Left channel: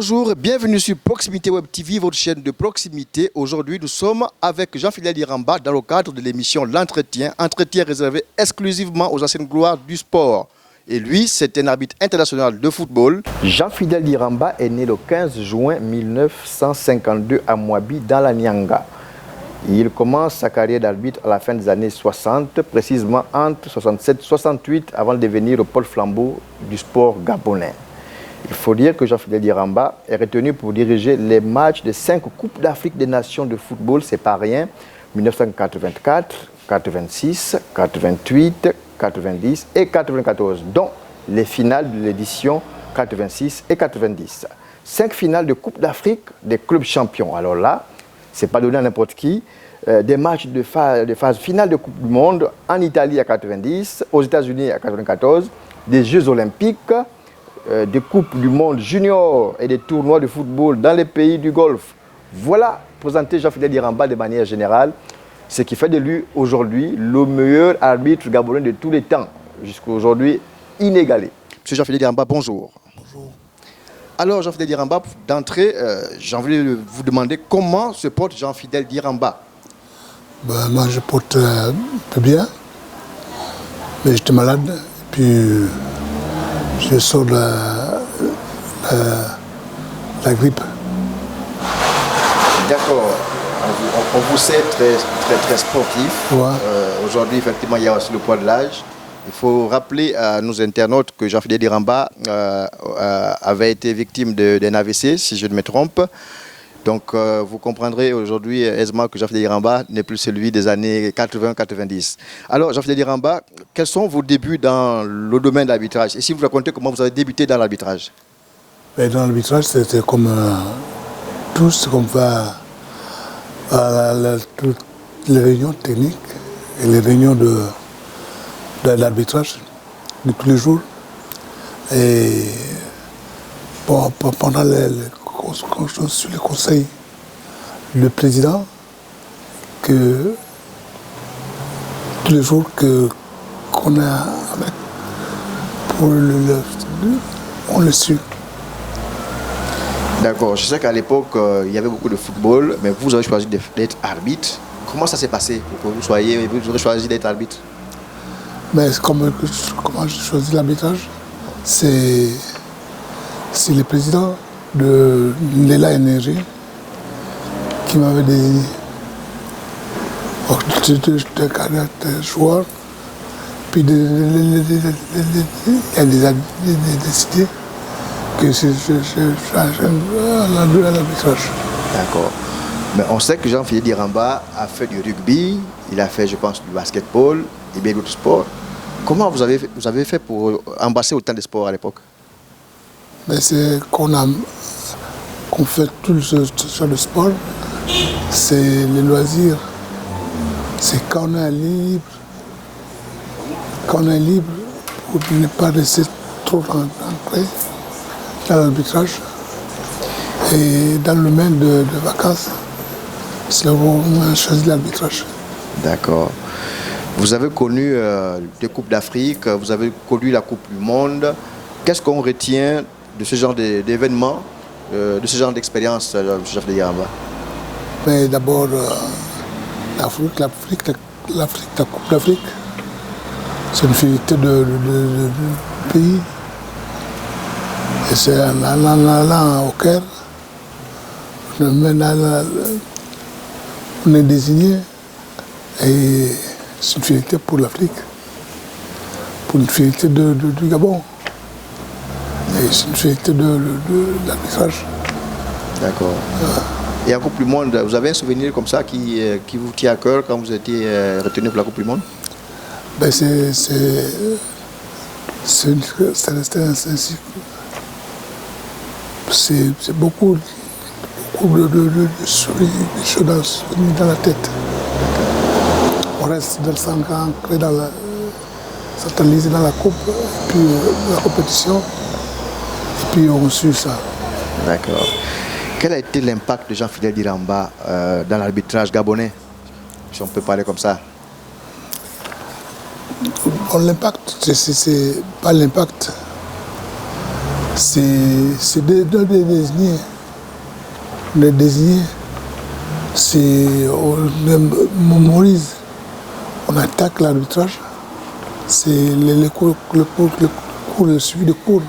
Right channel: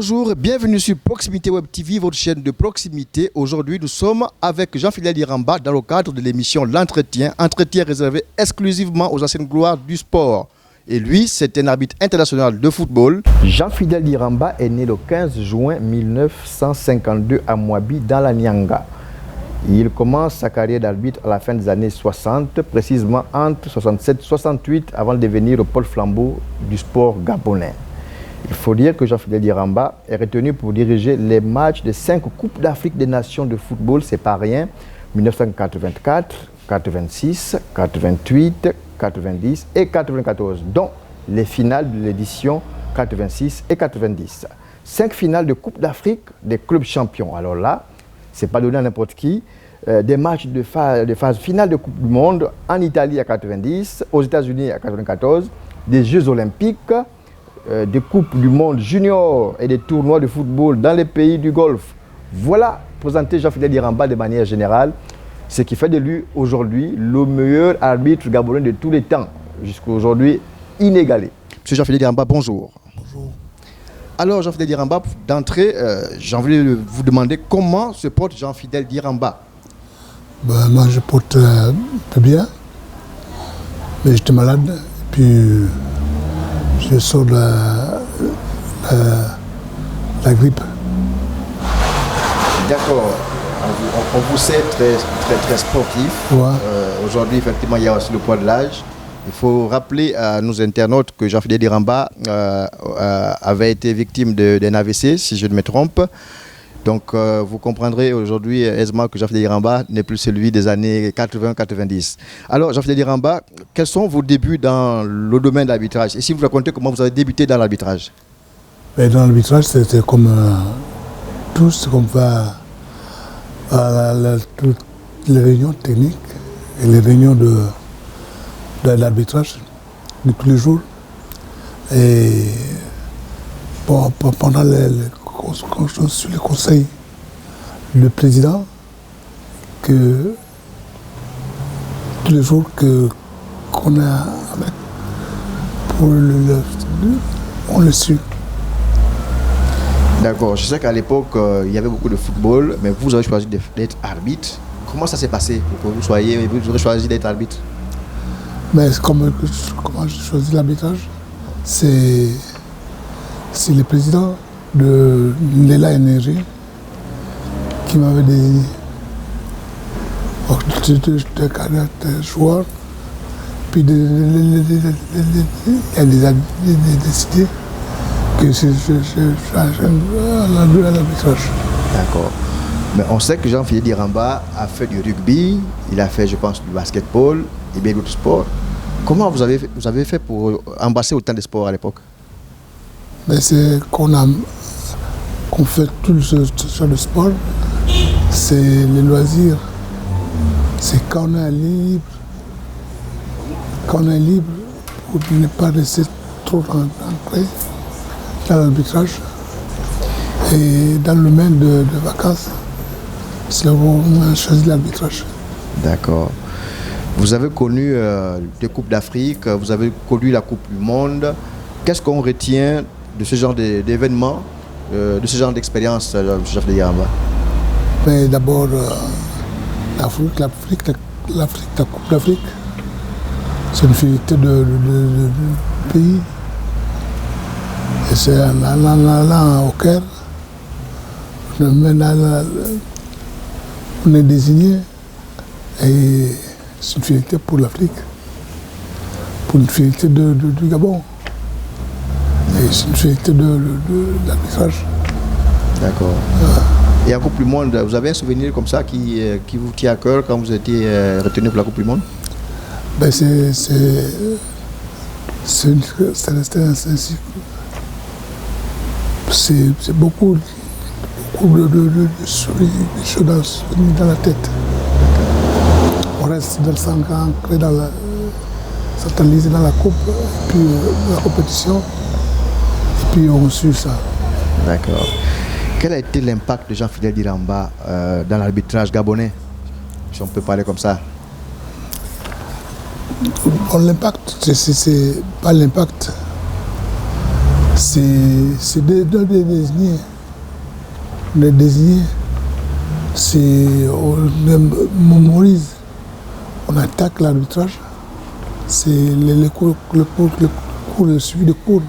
Bonjour, bienvenue sur Proximité Web TV, votre chaîne de proximité. Aujourd'hui, nous sommes avec Jean-Fidèle Diramba dans le cadre de l'émission L'Entretien, entretien réservé exclusivement aux anciennes gloires du sport. Et lui, c'est un arbitre international de football. Jean-Fidèle Diramba est né le 15 juin 1952 à Mouabi, dans la Nyanga. Il commence sa carrière d'arbitre à la fin des années 60, précisément entre 67 et 68, avant de devenir le pôle flambeau du sport gabonais. Il faut dire que Jean-Fidèle Diramba est retenu pour diriger les matchs des 5 Coupes d'Afrique des Nations de football, c'est pas rien, 1984, 86, 88, 90 et 94, dont les finales de l'édition 86 et 90. 5 finales de Coupe d'Afrique des clubs champions. Alors là, c'est pas donné à n'importe qui. Des matchs de phase finale de Coupe du Monde en Italie à 90, aux États-Unis à 94, des Jeux Olympiques, des Coupes du Monde junior et des tournois de football dans les pays du Golfe. Voilà, présenté Jean-Fidèle Diramba de manière générale, ce qui fait de lui aujourd'hui le meilleur arbitre gabonais de tous les temps, jusqu'à aujourd'hui inégalé. Monsieur Jean-Fidèle Diramba, bonjour. Bonjour. Alors Jean-Fidèle Diramba, d'entrée, j'ai envie de vous demander comment se porte Jean-Fidèle Diramba. Moi je porte un peu bien, mais j'étais malade, puis je sors de la grippe. D'accord. On vous sait très sportif. Ouais. Aujourd'hui, effectivement, il y a aussi le poids de l'âge. Il faut rappeler à nos internautes que Jean-Fidèle Diramba avait été victime d'un AVC, si je ne me trompe. Donc, vous comprendrez aujourd'hui aisément que Jean-Fidèle Diramba n'est plus celui des années 80-90. Alors, Jean-Fidèle Diramba, quels sont vos débuts dans le domaine de l'arbitrage? Et si vous racontez comment vous avez débuté dans l'arbitrage? Dans l'arbitrage, c'était comme tout ce qu'on va à toutes les réunions techniques et les réunions de l'arbitrage de tous les jours. Et pendant quand je suis le conseil, le président, que tous les jours qu'on a avec, on le suit. D'accord, je sais qu'à l'époque, il y avait beaucoup de football, mais vous avez choisi d'être arbitre. Comment ça s'est passé pour que vous avez choisi d'être arbitre? Mais comment j'ai choisi l'arbitrage, c'est le président de Lela Énergie qui m'avait désigné. J'étais joueur, puis il a décidé que je change à l'arbitrage. D'accord. Mais on sait que Jean-Fidèle Diramba a fait du rugby, il a fait, je pense, du basketball et bien d'autres sports. Comment vous avez fait pour embrasser autant de sports à l'époque? Mais c'est qu'on fait tout ce genre de sport, c'est les loisirs. C'est quand on est libre, pour ne pas rester trop ancré dans l'arbitrage. Et dans le domaine de vacances, c'est là où on a choisi l'arbitrage. D'accord. Vous avez connu des Coupes d'Afrique, vous avez connu la Coupe du Monde. Qu'est-ce qu'on retient de ce genre d'événements, de ce genre d'expérience, Jean-Fidèle Diramba? D'abord, l'Afrique, la Coupe d'Afrique, c'est une fierté de pays. Et c'est là au Caire, on est désigné, et c'est une fierté pour l'Afrique, pour une fierté du Gabon. Et c'est une fierté de l'arbitrage. D'accord. Et en Coupe du Monde, vous avez un souvenir comme ça qui vous tient à cœur quand vous étiez retenu pour la Coupe du Monde? C'est beaucoup de choses dans la tête. On reste dans le sang ancré centralisé dans la coupe, puis la compétition, et puis on suit ça. D'accord. Quel a été l'impact de Jean-Fidèle Diramba dans l'arbitrage gabonais, si on peut parler comme ça? L'impact, c'est pas l'impact. c'est de désigner. De désigner. On mémorise. On attaque l'arbitrage. C'est le suivi de cours.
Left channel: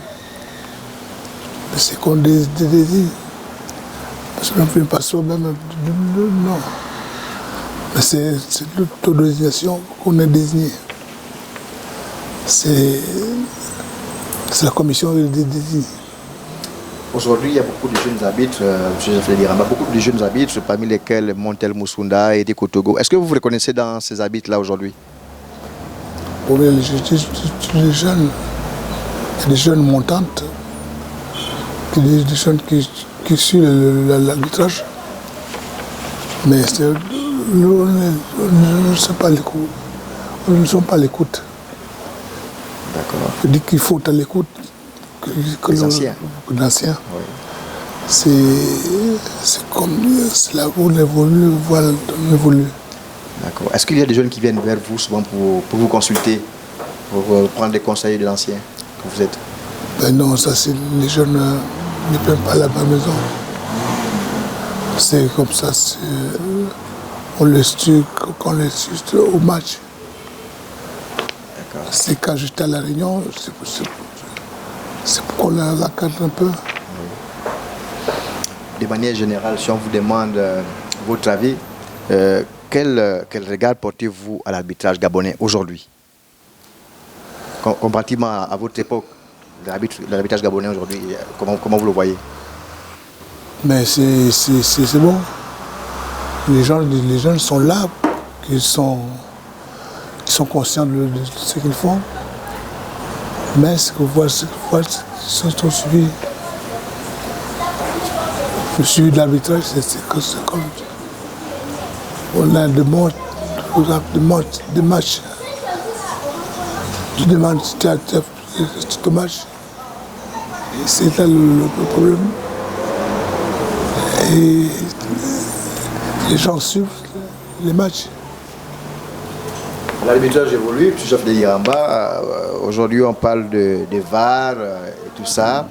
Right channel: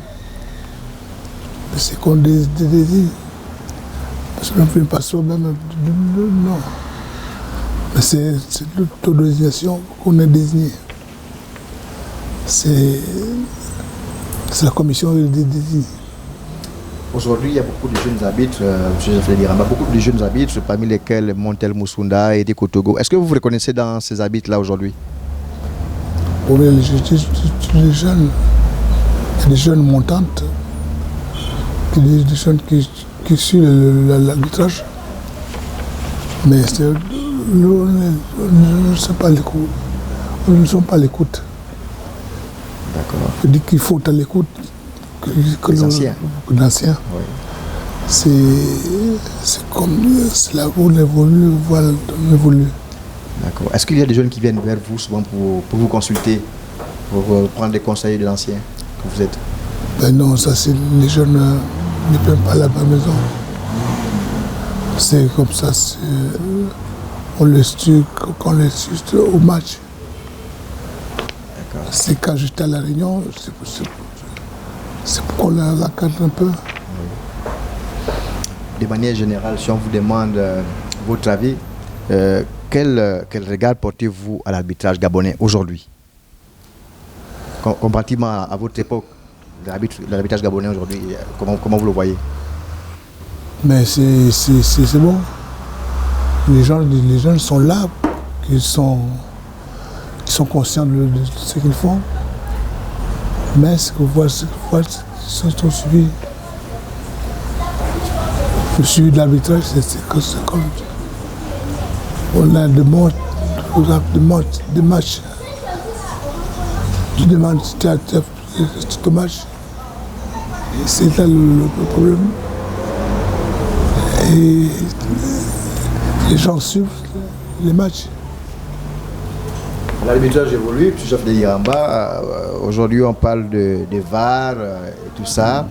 C'est qu'on désigne. Parce qu'on ne fait pas ça même. Non. Mais c'est l'autodésignation qu'on a désignée. C'est la commission qui désigne. Aujourd'hui, il y a beaucoup de jeunes arbitres, beaucoup de jeunes arbitres, parmi lesquels Montel Moussunda et Kotogo. Est-ce que vous vous reconnaissez dans ces arbitres-là aujourd'hui? Oui, les jeunes, il y a des jeunes montantes, des jeunes qui suivent l'arbitrage, mais on ne sait pas l'écoute. Nous ne sommes pas à l'écoute. D'accord. Je dis qu'il faut à l'écoute que les anciens. L'ancien. Oui. C'est comme c'est là où on évolue, voilà, on évolue. D'accord. Est-ce qu'il y a des jeunes qui viennent vers vous souvent pour vous consulter, pour prendre des conseils de l'ancien que vous êtes? Ben non, ça c'est les jeunes ne peuvent pas à la maison. C'est comme ça, on les suit quand on les suit au match. D'accord. C'est quand j'étais à la Réunion, c'est pour qu'on la cadre un peu. De manière générale, si on vous demande votre avis, quel regard portez-vous à l'arbitrage gabonais aujourd'hui? Comparativement à votre époque, l'arbitrage gabonais aujourd'hui, comment vous le voyez? Mais c'est bon. Les gens sont là, ils sont conscients de ce qu'ils font. Mais ce que voit, sont suivis. Le suivi de l'arbitrage, c'est comme. On a des matchs. Tu demandes si tu as ton match. C'est là le problème. Et les gens suivent les matchs. L'arbitrage évolue, M. Jean-Fidèle Iramba, aujourd'hui on parle de VAR et tout ça.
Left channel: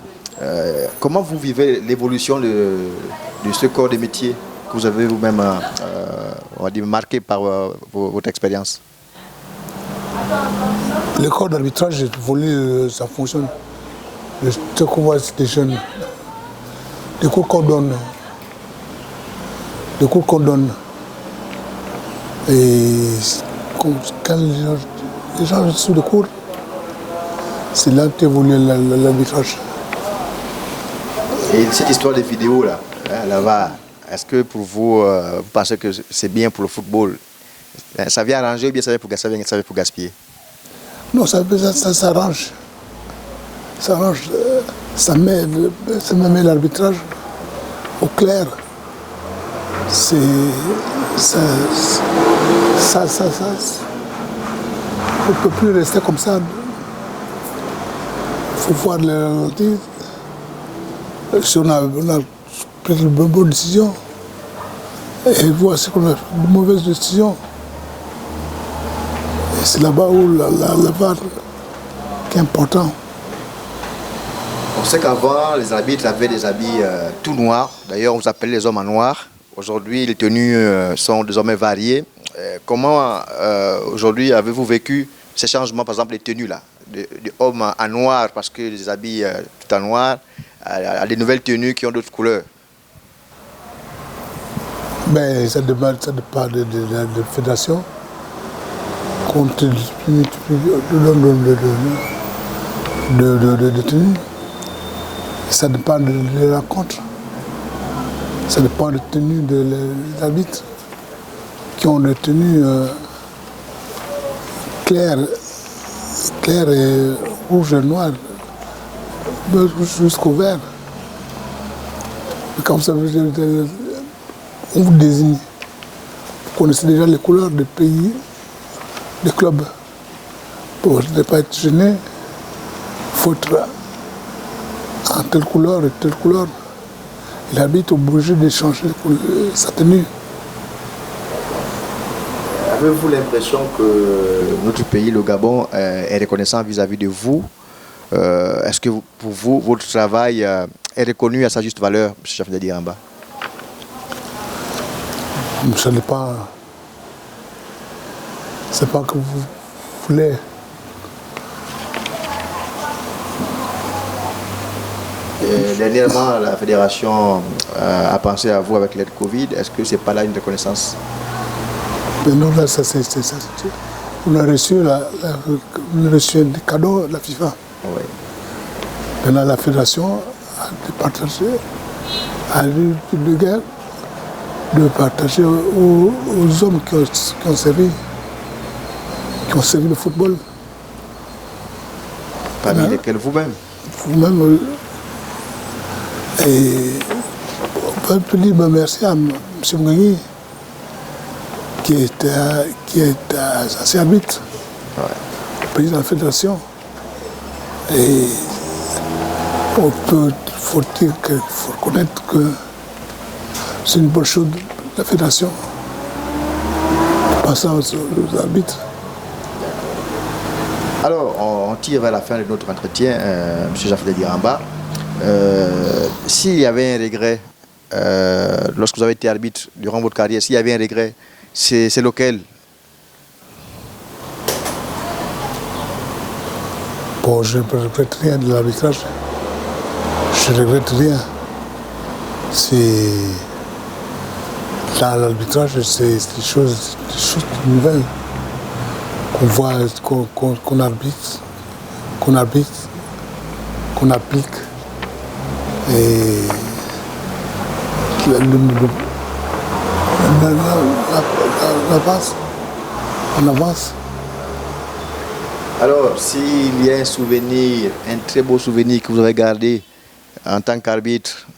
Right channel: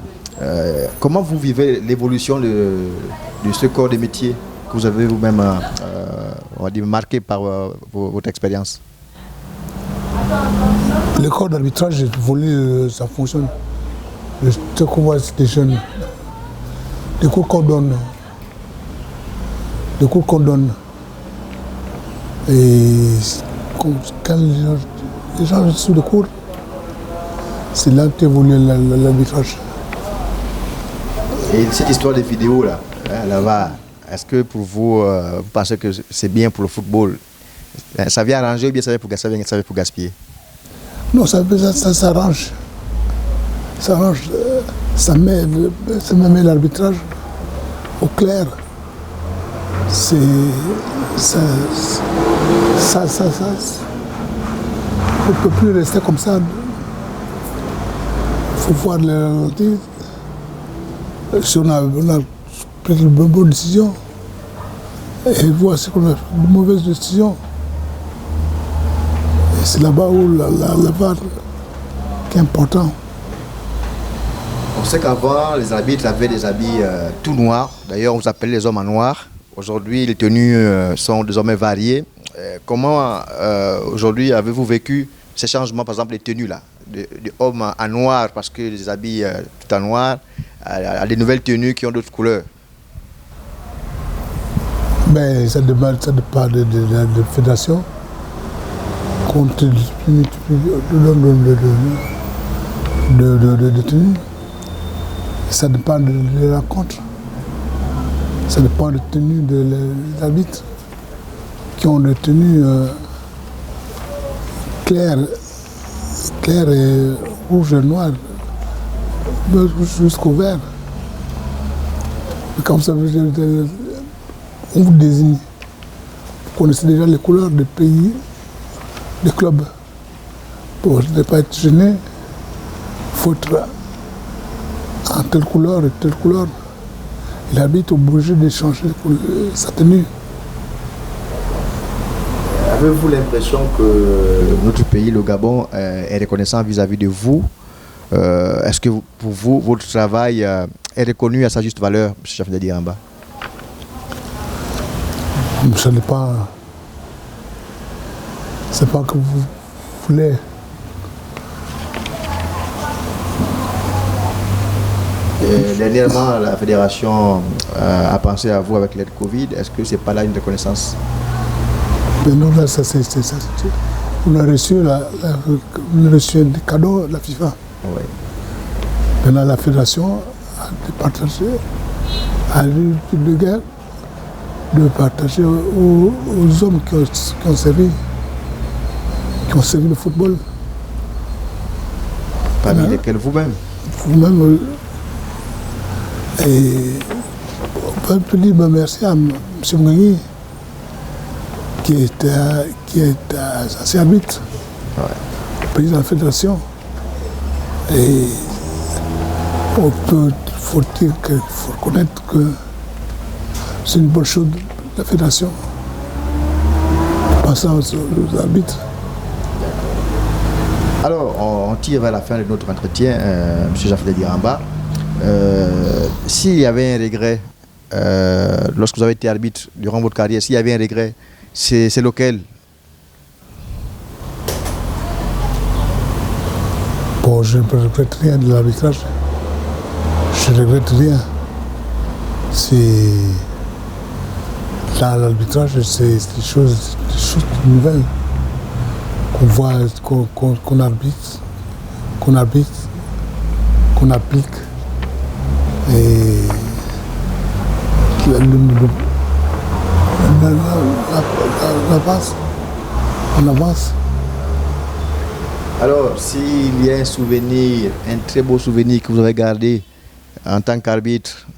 Comment vous vivez l'évolution de ce corps de métier que vous avez vous-même on va dire, marqué par votre expérience? Le corps d'arbitrage évolue, ça fonctionne. Ce qu'on voit, c'est des jeunes. Les cours qu'on donne. Et quand les gens sont de cours, c'est là qu'évolue l'arbitrage. Et cette histoire des vidéos là, là-bas, est-ce que pour vous, vous pensez que c'est bien pour le football? Ça vient arranger ou bien ça vient pour gaspiller? Non, ça s'arrange. Ça arrange. Ça met l'arbitrage au clair. C'est ça. On ne peut plus rester comme ça. Il faut voir les ralentir. Si on a pris une bonne décision, et voir si on a une mauvaise décision. Et c'est là-bas où la VAR qui est important. On sait qu'avant, les arbitres avaient des habits tout noirs. D'ailleurs, on vous appelle les hommes en noir. Aujourd'hui, les tenues sont désormais variées. Comment, aujourd'hui, avez-vous vécu ces changements, par exemple, les tenues là, de hommes en noir, parce que les habits tout en noir, à des nouvelles tenues qui ont d'autres couleurs? Mais ça dépend de la fédération. Compte de tenue. Ça dépend de la rencontre. Ça dépend de la tenue des arbitres qui ont des tenues claires et rouge et noir, jusqu'au vert. Quand vous savez, on vous désigne. Vous connaissez déjà les couleurs des pays, des clubs. Pour ne pas être gêné, il faut être en telle couleur et telle couleur. Et l'arbitre est obligé de changer sa tenue. Avez-vous l'impression que notre pays, le Gabon, est reconnaissant vis-à-vis de vous Est-ce que pour vous, votre travail est reconnu à sa juste valeur, M. Jean-Philippe Diramba? Ce n'est pas... C'est pas que vous voulez. Et dernièrement, la fédération a pensé à vous avec l'aide Covid. Est-ce que ce n'est pas là une reconnaissance? Mais non, là, on a reçu, un cadeau de la FIFA. Oui. Maintenant, la fédération a partagé, a eu de guerre de partager aux hommes qui ont servi le football. Parmi lesquels vous-même? Vous-même. Et on peut dire merci à M. Mgangui, qui est ancien arbitre, président de la fédération. Et faut reconnaître que c'est une bonne chose de la fédération. Passant aux arbitres. Alors, on tire vers la fin de notre entretien, M. Jean-Philippe Diramba. S'il y avait un regret, lorsque vous avez été arbitre durant votre carrière, s'il y avait un regret, c'est lequel? Bon, je ne regrette rien de l'arbitrage. Je ne regrette rien. Dans l'arbitrage, c'est des choses nouvelles qu'on voit, qu'on arbitre, qu'on applique. Et on avance. Alors, s'il y a un souvenir, un très beau souvenir que vous avez gardé en tant qu'arbitre,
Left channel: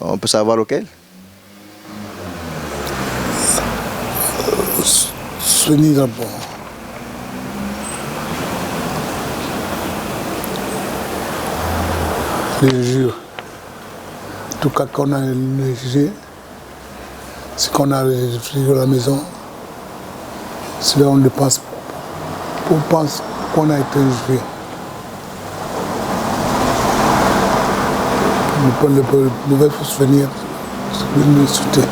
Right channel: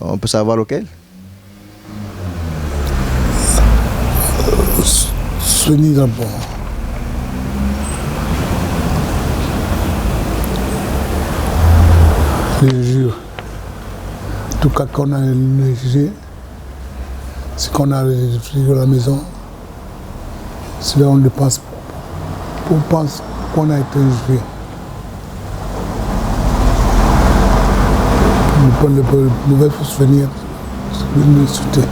on peut savoir lequel? Souvenir d'abord. Les jeux. En tout cas, quand on a jugé, c'est qu'on a le frigo à la maison. C'est là où on pense qu'on a été jugé. Le mauvais souvenir, c'est le sauter.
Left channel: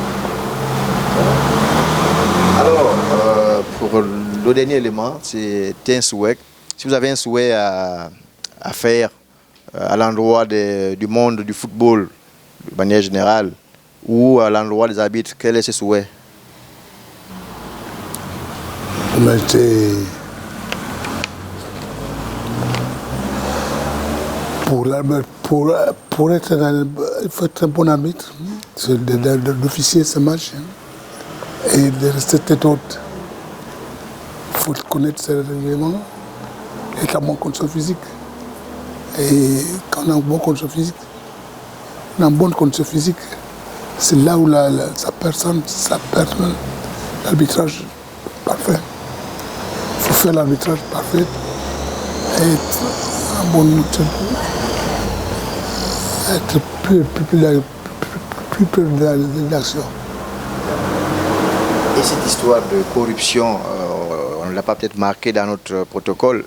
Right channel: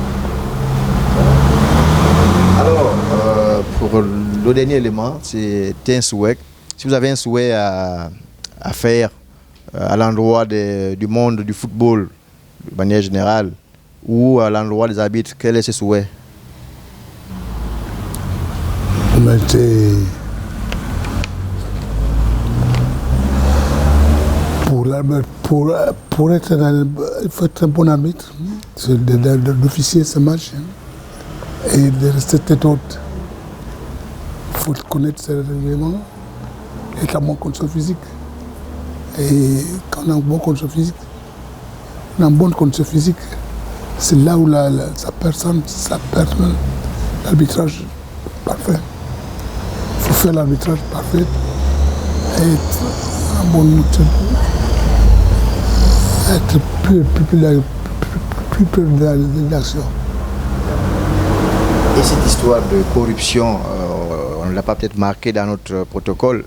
Alors, pour le dernier élément, c'est un souhait. Si vous avez un souhait à faire à l'endroit du monde du football, de manière générale, ou à l'endroit des arbitres, quel est ce souhait? On a été pour être il faut être un bon arbitre, d'officier ce match et de rester tête haute. Il faut connaître ces règlements et être en bonne condition physique. Et quand on a une bonne condition physique, c'est là où sa personne, l'arbitrage parfait. Il faut faire l'arbitrage parfait et être en bonne être plus près de l'action. Et cette histoire de corruption, on ne l'a pas peut-être marqué dans notre protocole.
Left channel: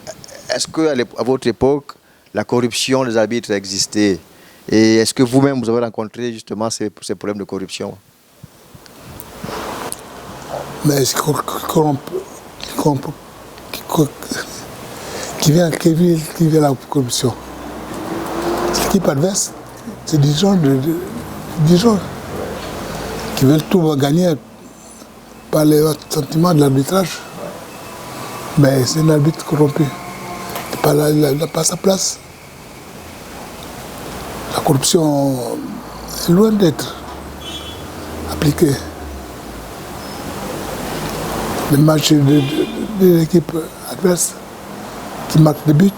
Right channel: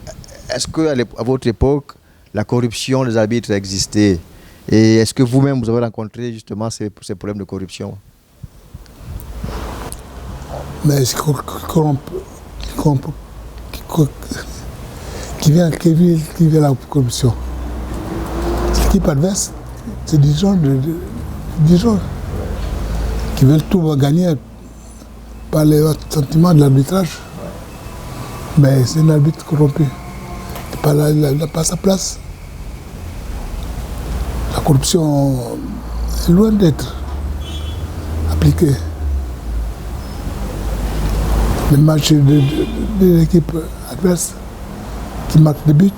Est-ce qu'à votre époque, la corruption des arbitres existait? Et est-ce que vous-même, vous avez rencontré justement ces problèmes de corruption? Mais qui vient la corruption? L'équipe adverse, c'est des gens qui veulent tout gagner par les sentiments de l'arbitrage. Mais c'est un arbitre corrompu. Il n'a pas sa place. La corruption est loin d'être appliquée. Les matchs de l'équipe adverse qui marquent des buts,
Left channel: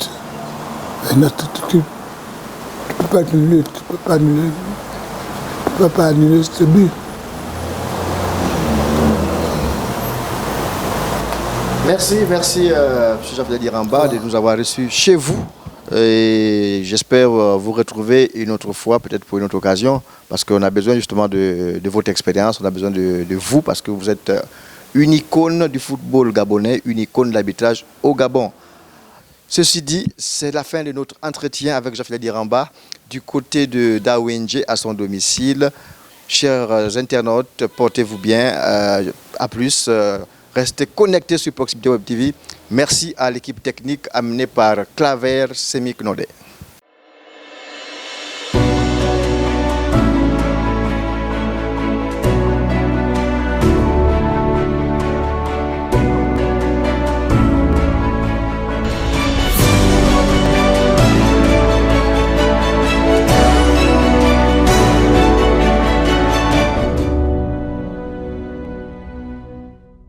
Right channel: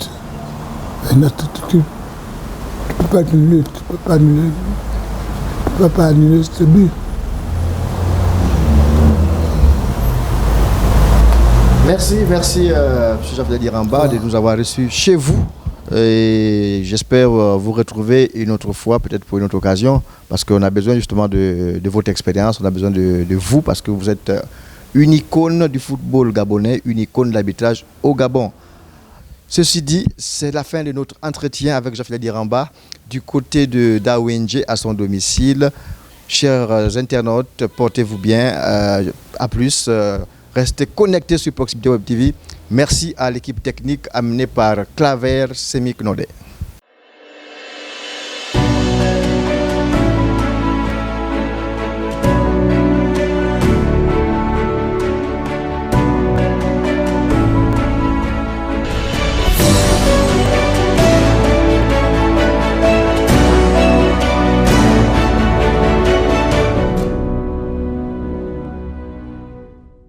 tu ne peux pas annuler ce but. Merci M. Jean-Philippe Diramba de nous avoir reçus chez vous. Et j'espère vous retrouver une autre fois, peut-être pour une autre occasion, parce qu'on a besoin justement de votre expérience, on a besoin de vous, parce que vous êtes une icône du football gabonais, une icône de l'arbitrage au Gabon. Ceci dit, c'est la fin de notre entretien avec Jean-Philippe Liramba du côté de d'AONG à son domicile. Chers internautes, portez-vous bien. À plus. Restez connectés sur Proximité Web TV. Merci à l'équipe technique amenée par Claver Semiknodé.